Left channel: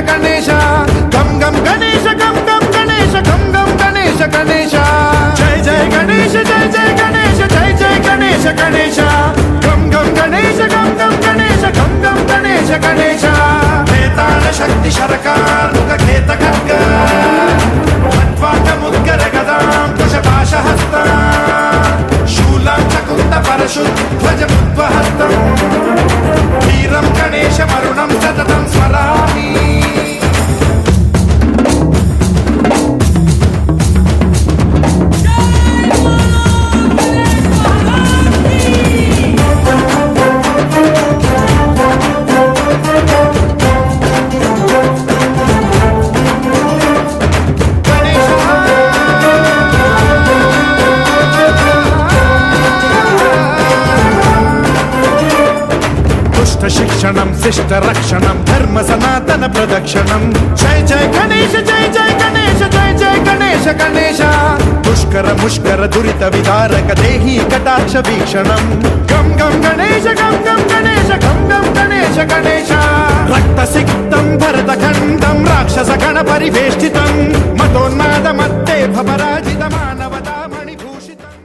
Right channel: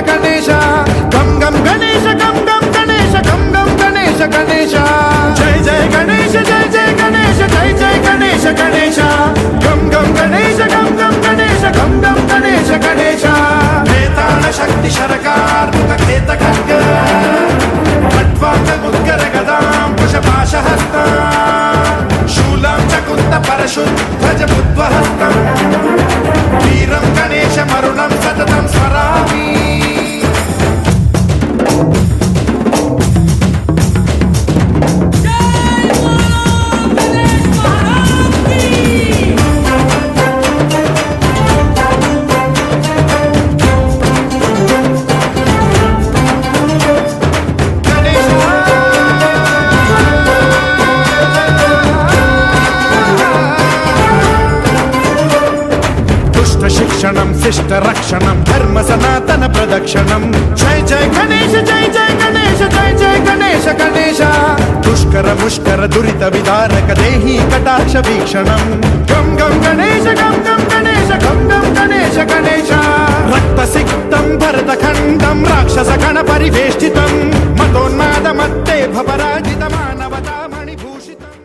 గణేశ గణేశ గం గం గణేశ గం గం గణేశ గం గం గణేశ గణేశ జయ జయ గణేశ జయ జయ గణేశ జయ జయ గణేశ గణేశ గం గం గణేశ గం గం గణేశ గం గం గణేశ గణేశ వేతాళ శక్తి శరకార్ ఖేత ఖడ్గ ఖడ్వాట ముద్గర గదాం కుశపాశ హస్త శూలం చకుంద పరశుద్ధ బుద్ధ్వహస్త వీరం గణేశ మరుణం సతతం స్మరామి శిక్షణం శిష్ట రక్షణం ధర్మ సనాతన ప్రదక్షిణం జయ జయ గణేశ జయ జయ గణేశ జయ జయ గణేశ గణేశ దుష్కర ముష్కర దురిత విదారక దేహి కటాక్ష వీక్షణం గం గం గణేశ గం గం గణేశ గం గం గణేశ గణేశ రక్త సిక్తం భరత ఖండం రాక్షస గణ పరివేష్టితం మతోన్మాద మత్తే భవరాజిత మానవతా మణిభూషితం